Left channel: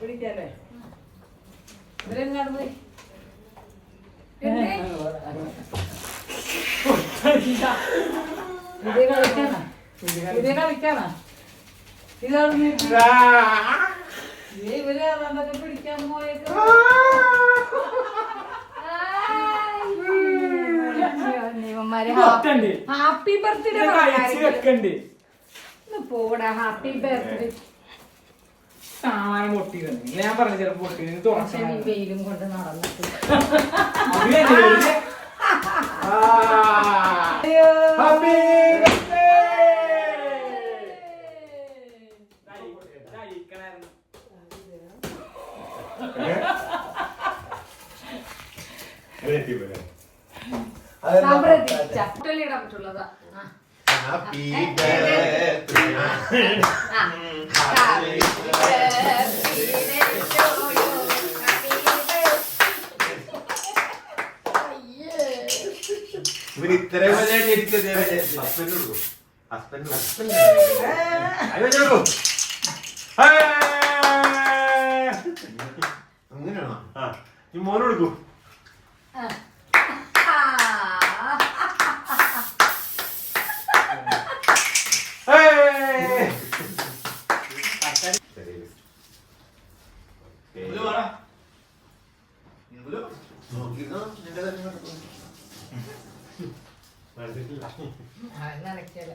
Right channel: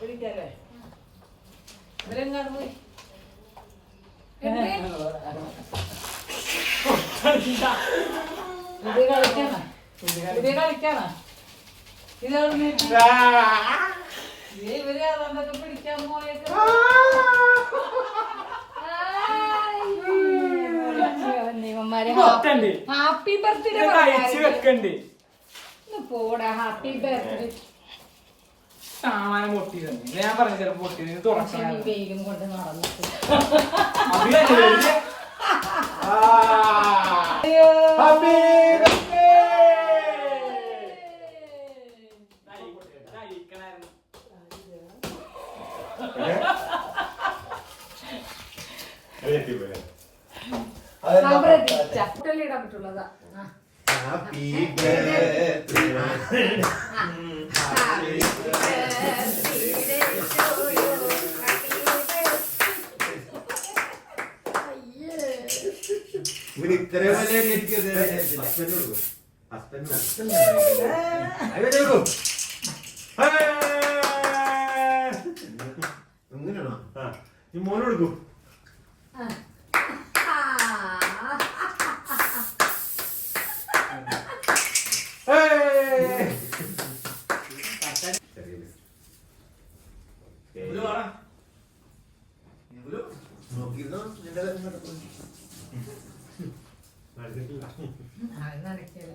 പിടിക്കാല്ലേ ഇവരെങ്ങാണ് പോയി ഇതേ കളിക്കാനാ ഇതാണ് ഇവര് നമുക്ക് പിടിക്കാൻ പോയേക്കും ഹാപ്പി ബർത്ത്ഡേ പോടാ ഹാപ്പി ബർത്ത്ഡേ സാമാനം പൊട്ടി ഞാൻ പറഞ്ഞു ചിലപ്പോ പൊട്ടി വെയിലും കൊണ്ട് നടന്നിട്ട് ഇടാൻ പറ്റുള്ളതാ Happy birthday. Happy birthday to you. Happy birthday. ഇവന് ഇത്രയും വലിയ ഹസ്ബൻഡ് കൊടുക്കും ഹസ്ബൻഡ് അങ്ങനെയാണോ ഈ മോനെ കൊടുക്കൂ നടക്കില്ല